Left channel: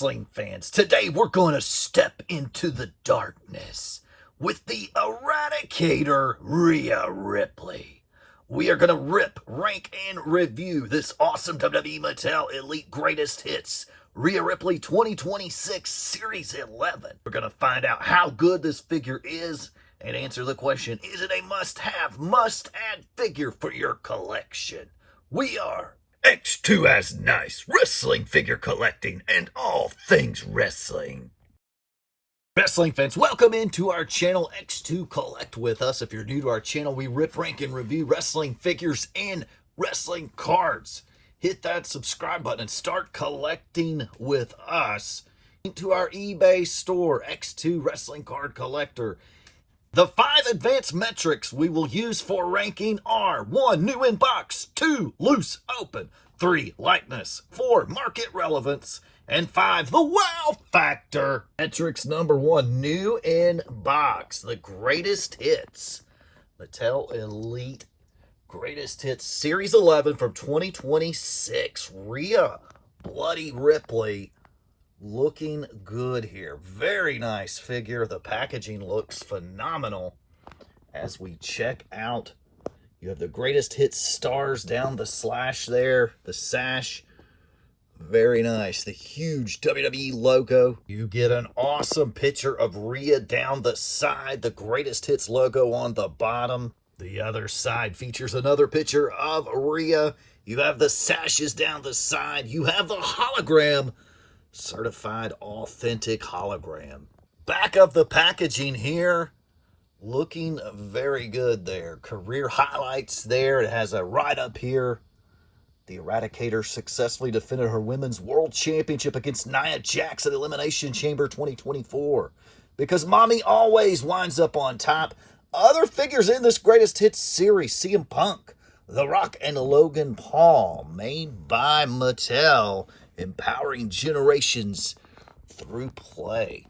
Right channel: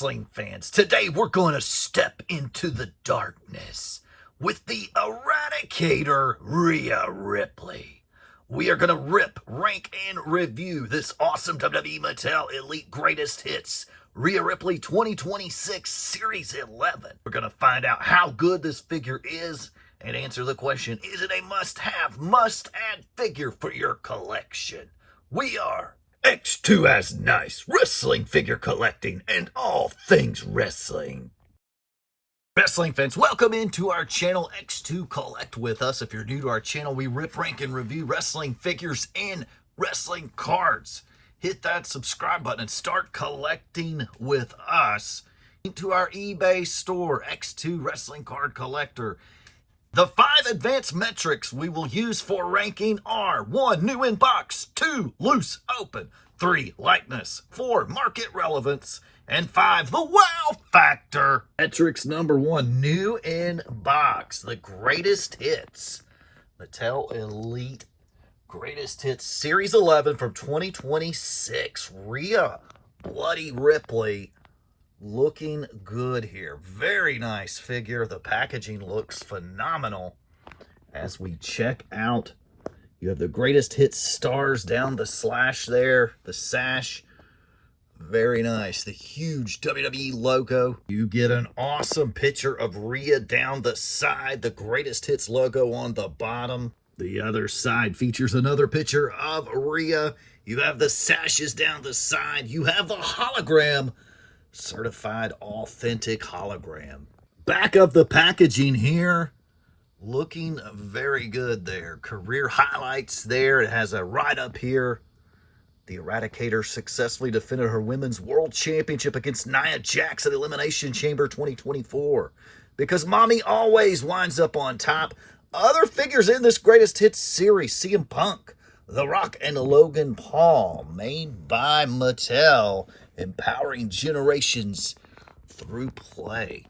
wrestling fans? Today we're going to step into the darkness with the Eradicator, Rhea Ripley. We are going to rip, rank, and review this awesome WWE Mattel Elite Greatest Hits Rhea Ripley 2026 Series 11. We're going to find out how good this figure is and answer the question, is it a must-have, must-add figure for your collection? We are X2 as nice, wrestling figure collecting, and all things wrestling. Wrestling fans, welcome into our channel, X2 Collect with us. If you're new to our channel, we rip, rank, and review wrestling figures and wrestling cards. Hit that subscribe button and start collecting with us. Into our eBay store, X2 Wrestling Card Collector. The 5 advanced metrics we will use for ranking are 1. New in box, 2. Loose open, 3. Likeness, 4. Market relevance, and 5. The wow factor. Metrics number 1, new in box, the greatest hits. Mattel Elite Greatest Hits Series 11 from 2026. Rhea Bloody Ripley. Looking good here. Very nice figure. The packaging looks phenomenal. As we check out, you have the greatest hits stars down the slash there, the sash. Very nice. The huge WWE logo. You get an awesome picture of Rhea down the side, the greatest hits logo on the bottom. The other side features another picture of Rhea. You have the sashes down the side. You have the hologram. Certified authentic hologram. Back of the packaging here, looking very good there. Career highlights there. It has a write-up here. The Eradicator successfully defended her Women's World Championship against Nia Jax at Elimination Chamber 2024. Because Mami always winds up on top. Other figures in this Greatest Hits series, CM Punk, The Rock, and Logan Paul, made by Mattel, empowering generations through play.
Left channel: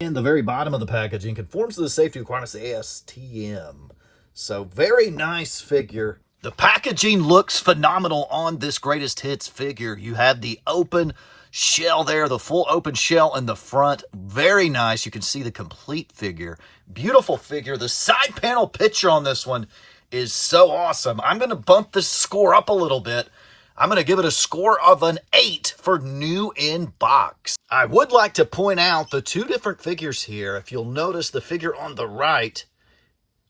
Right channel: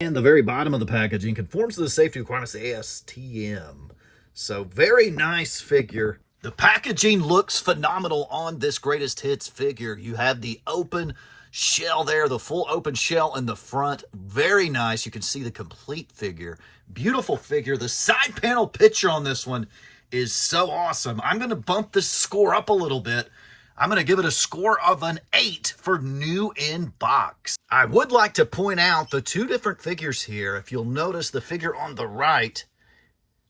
And the very bottom of the packaging conforms to the safety requirements of ASTM. So very nice figure. The packaging looks phenomenal on this Greatest Hits figure. You have the open shell there, the full open shell in the front. Very nice. You can see the complete figure. Beautiful figure. The side panel picture on this one is so awesome. I'm going to bump this score up a little bit. I'm going to give it a score of an 8 for new in box. I would like to point out the 2 different figures here. If you'll notice the figure on the right,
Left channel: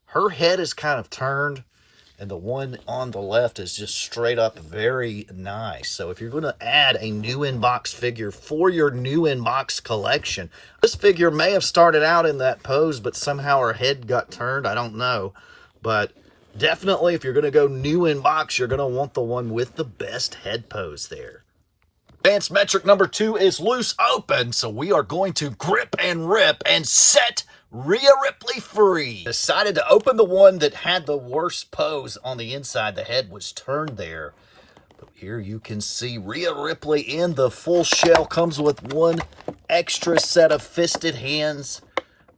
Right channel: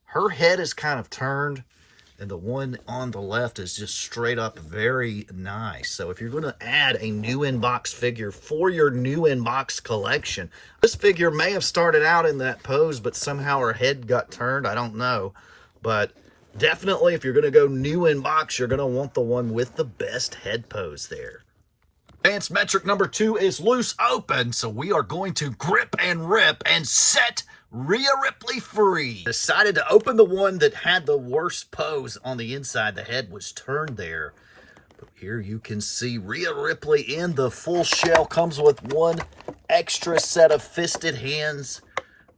her head is kind of turned, and the one on the left is just straight up very nice. So if you're going to add a new in box figure for your new in box collection, this figure may have started out in that pose, but somehow her head got turned. I don't know, but definitely, if you're going to go new in box, you're going to want the one with the best head pose there. Advanced metric number 2 is loose open, so we are going to grip and rip and set Rhea Ripley free. Decided to open the one that had the worst pose on the inside. The head was turned there. But here you can see Rhea Ripley in the full shell. Comes with one extra set of fisted hands.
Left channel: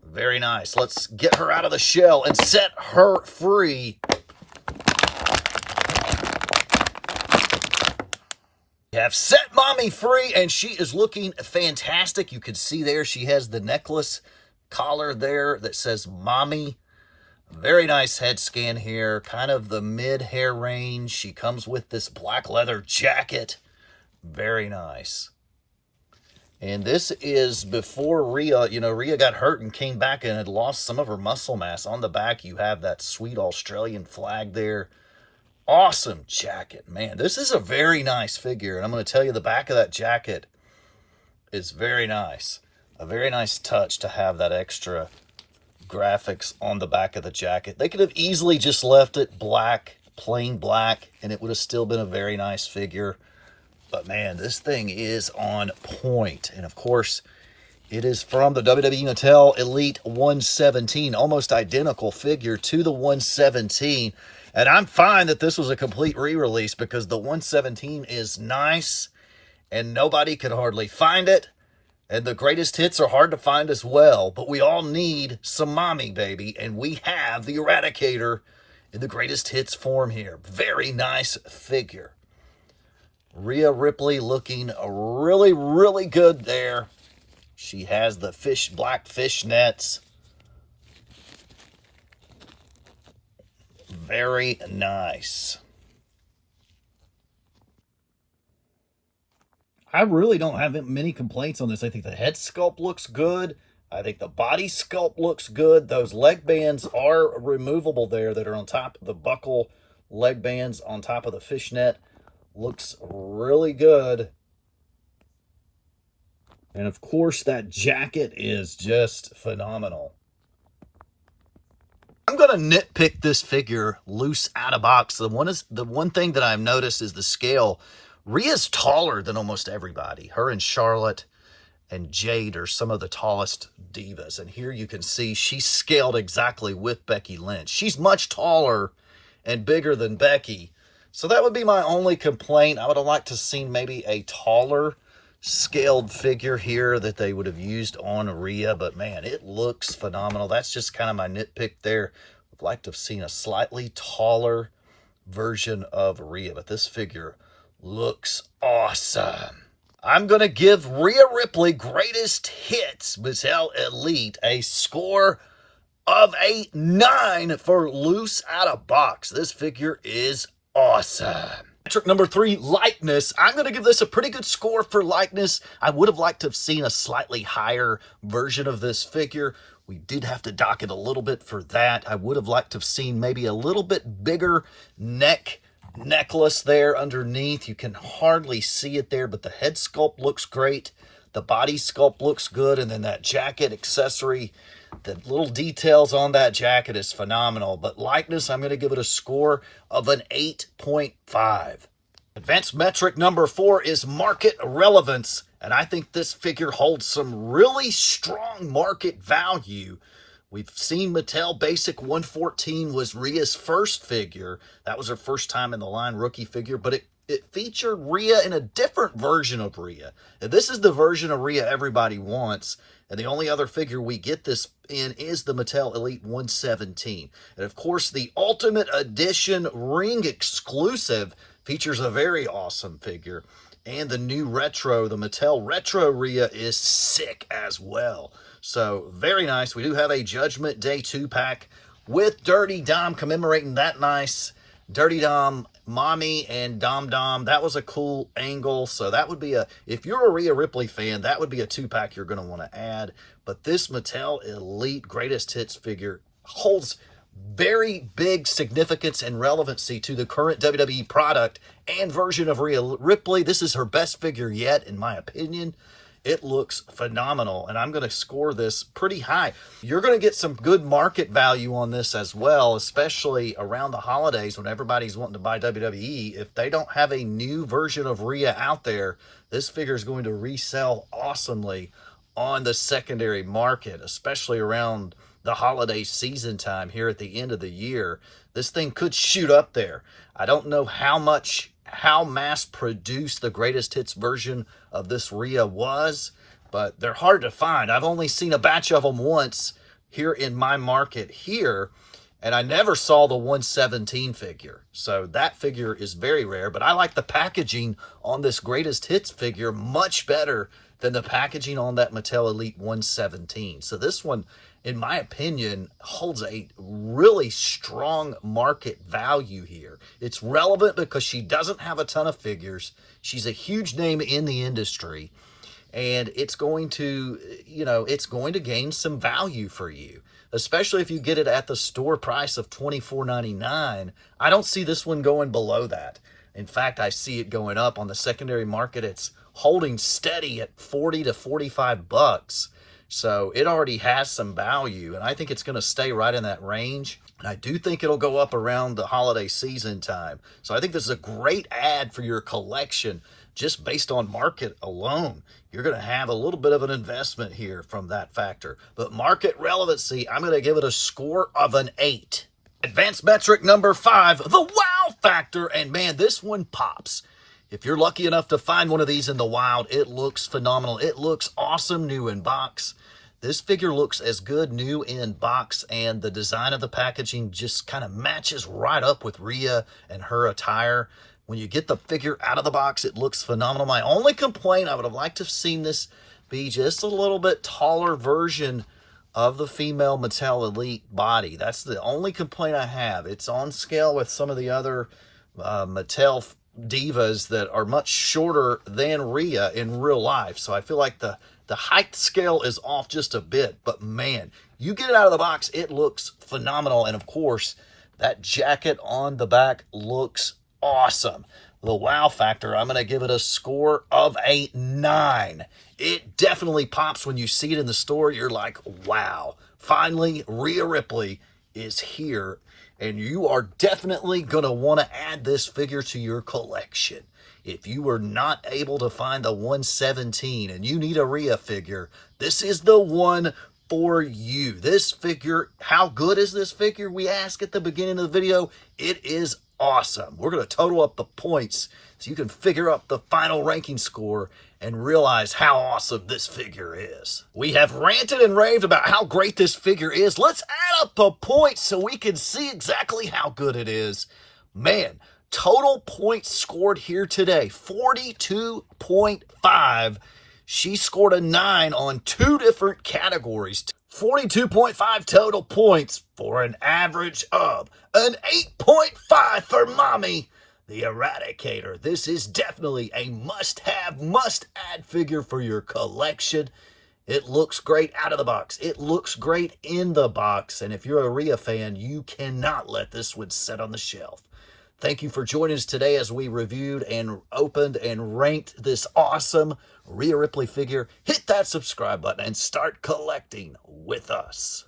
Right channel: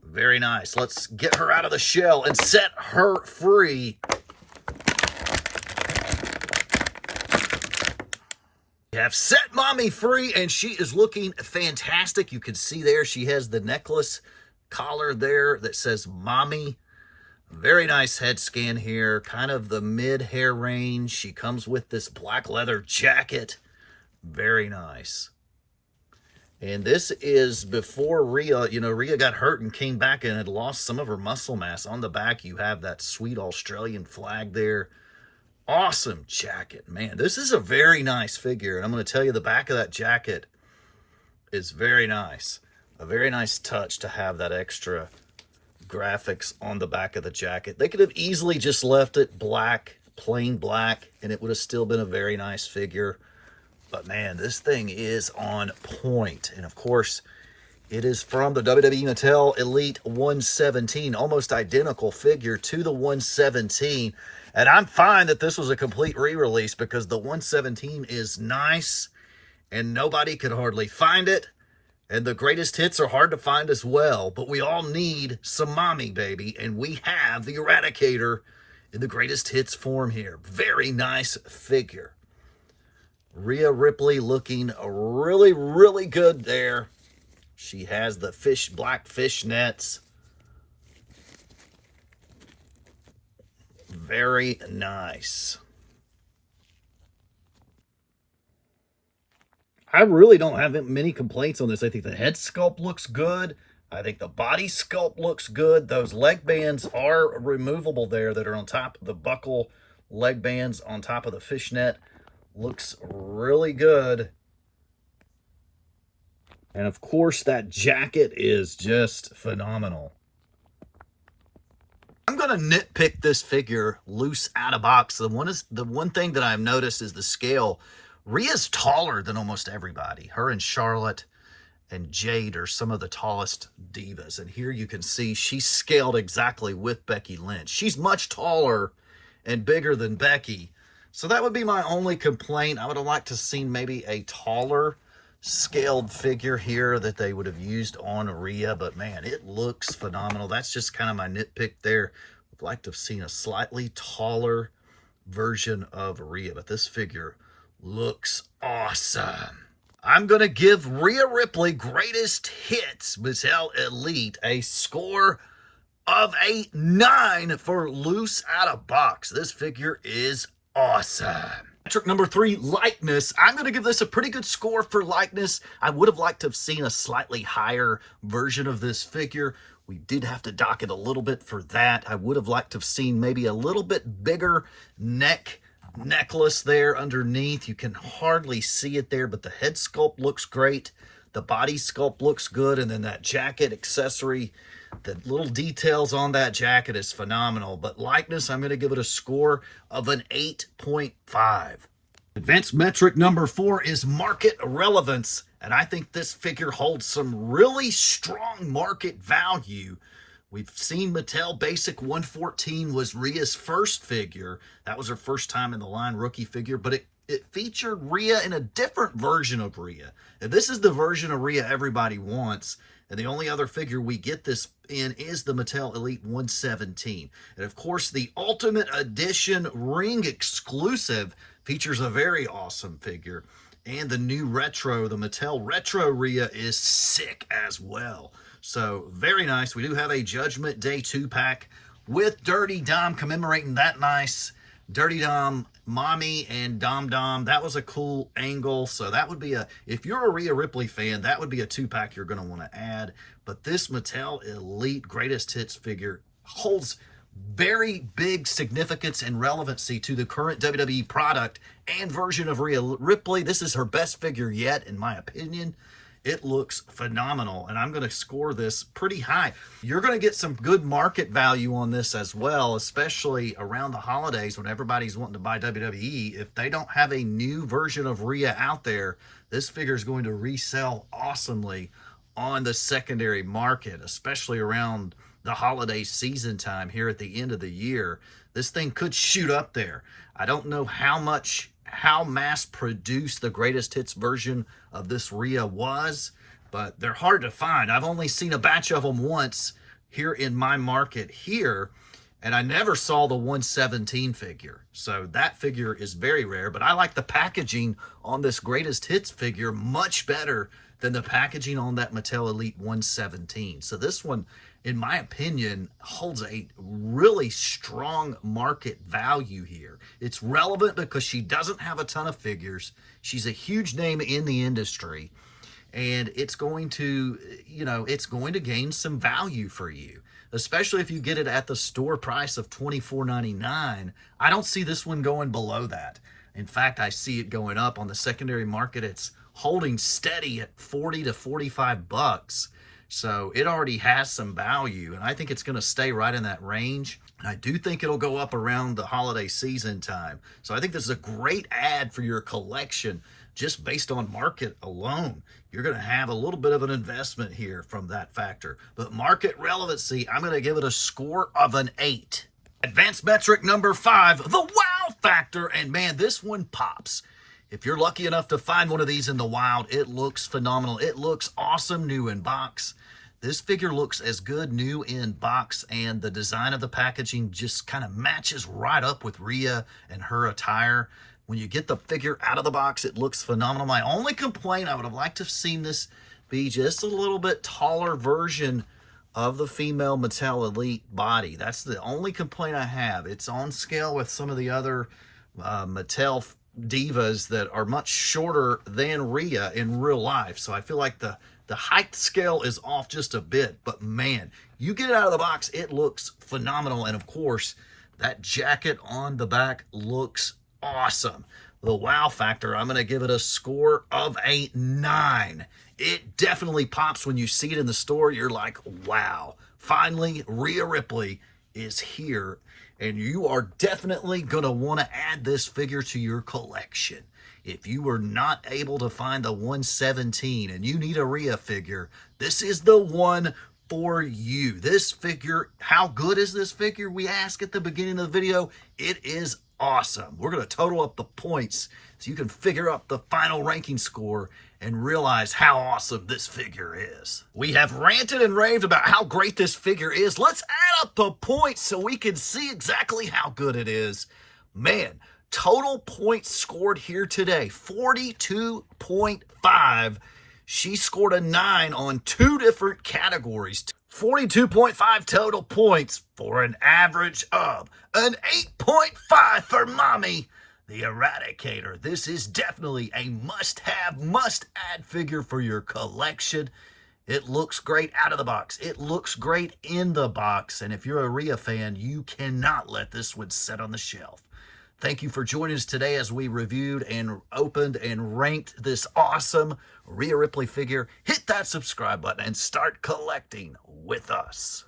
Very nice. Let's get her out of the shell and set her free. We have set Mami free, and she is looking fantastic. You can see there she has the necklace collar there that says Mami. Very nice head scan here. Kind of the mid-hair range. She comes with this black leather jacket. Very nice. And this is before Rhea, Rhea got hurt and came back and had lost some of her muscle mass. On the back, you have that sweet Australian flag there. Awesome jacket. Man, this is a very nice figure. And I'm going to tell you, the back of that jacket is very nice. A very nice touch to have that extra graphics on the back of the jacket. They could have easily just left it black, plain black, and it would have still been a very nice figure. But man, this thing is on point. And of course, it is from the WWE Mattel Elite 117. Almost identical figure to the 117. And I'm fine that this was a complete re-release because the 117 is nice and nobody could hardly find it. And the greatest hits are hard to find as well. But we all need some Mami, baby. And we have the Eradicator in the greatest hits form here. Very nice figure. Rhea Ripley looking really, really good there. She has the black fishnets. Very nice. I really don't have many complaints on this. I think the head sculpt looks good. I think the body sculpt looks good. Those leg bands are removable there that are on top of the buckle leg bands on top of the fishnet. Looks really good. And of course, that jacket is just phenomenal. I'm going to nitpick this figure loose out of box. The one thing that I've noticed is the scale. Rhea's taller than almost everybody. Her and Charlotte and Jade are some of the tallest divas. And here you can see she's scaled exactly with Becky Lynch. She's much taller and bigger than Becky. So that would be my only complaint. I would have liked to have seen maybe a taller scaled figure here that they would have used on Rhea. But man, it looks phenomenal. That's just kind of my nitpick there. I'd like to have seen a slightly taller version of Rhea. But this figure looks awesome. I'm going to give Rhea Ripley Greatest Hits Mattel Elite a score of a 9 for loose out of box. This figure is awesome. Trick number 3, lightness. I'm going to give this a pretty good score for lightness. I would have liked to have seen a slightly higher version of this figure. We did have to dock it a little bit for that. I would have liked to have seen maybe a little bit bigger necklace there underneath. You can hardly see it there, but the head sculpt looks great. The body sculpt looks good. And then that jacket accessory, the little details on that jacket is phenomenal. But likeness, I'm going to give it a score of an 8.5. Advanced metric number 4 is market relevance. And I think this figure holds some really strong market value. We've seen Mattel Basic 114 was Rhea's first figure. That was her first time in the line, rookie figure, but it featured Rhea in a different version of Rhea. And this is the version of Rhea everybody wants. And the only other figure we get this in is the Mattel Elite 117. And of course, the Ultimate Edition ring exclusive features a very awesome figure. And the new retro, the Mattel Retro Rhea, is sick as well. So, very nice. We do have a Judgment Day 2-pack with Dirty Dom commemorating that nice Dirty Dom, Mami, and Dom Dom. That was a cool angle. So, that would be if you're a Rhea Ripley fan, that would be a 2-pack you're going to want to add. But this Mattel Elite Greatest Hits figure holds very big significance and relevancy to the current WWE product and version of Rhea Ripley. This is her best figure yet, in my opinion. It looks phenomenal, and I'm going to score this pretty high. You're going to get some good market value on this as well, especially around the holidays when everybody's wanting to buy WWE. If they don't have a new version of Rhea out there, this figure is going to resell awesomely on the secondary market, especially around the holiday season time here at the end of the year. This thing could shoot up there. I don't know how mass produced the greatest hits version of this Rhea was, but they're hard to find. I've only seen a batch of them once here in my market here, and I never saw the 117 figure. So that figure is very rare, but I like the packaging on this greatest hits figure much better than the packaging on that Mattel Elite 117. So this one, in my opinion, holds a really strong market value here. It's relevant because she doesn't have a ton of figures. She's a huge name in the industry, and it's going to, it's going to gain some value for you, especially if you get it at the store price of $24.99. I don't see this one going below that. In fact, I see it going up on the secondary market. It's holding steady at 40 to 45 bucks. So it already has some value, and I think it's going to stay right in that range. And I do think it'll go up around the holiday season time. So I think this is a great add for your collection just based on market alone. You're going to have a little bit of an investment here from that factor. But market relevancy, I'm going to give it a score of an 8. Advanced metric number 5, the wow factor. And man, this one pops. If you're lucky enough to find one of these in the wild, it looks phenomenal. It looks awesome new in box. This figure looks as good new in box, and the design of the packaging just kind of matches right up with Rhea and her attire. When you get the figure out of the box, it looks phenomenal. My only complaint, I would have liked to have seen this be just a little bit taller version of the female Mattel Elite body. That's the only complaint I have. It's on scale with some of the other Mattel divas that are much shorter than Rhea in real life. So I feel like the height scale is off just a bit. But man, you get it out of the box, it looks phenomenal. And of course, that jacket on the back looks awesome. The wow factor, I'm going to give it a score of a 9. It definitely pops when you see it in the store. You're like, wow, finally, Rhea Ripley is here. And you are definitely going to want to add this figure to your collection. If you were not able to find the 117 and you need a Rhea figure, this is the one for you. This figure, how good is this figure? We ask at the beginning of the video. It is awesome. We're going to total up the points so you can figure out the final ranking score and realize how awesome this figure is. We have ranted and raved about how great this figure is. Let's add up the points so we can see exactly how good it is. Man, total points scored here today, 42.5. She scored a 9 on 2 different categories. 42.5 total points for an average of an 8.5 for Mami, the Eradicator. This is definitely a must-have, must-add figure for your collection. It looks great out of the box. It looks great in the box. And if you're a Rhea fan, you cannot let this one sit on the shelf. Thank you for joining us today as we reviewed and opened and ranked this awesome Rhea Ripley figure. Hit that subscribe button and start collecting with us.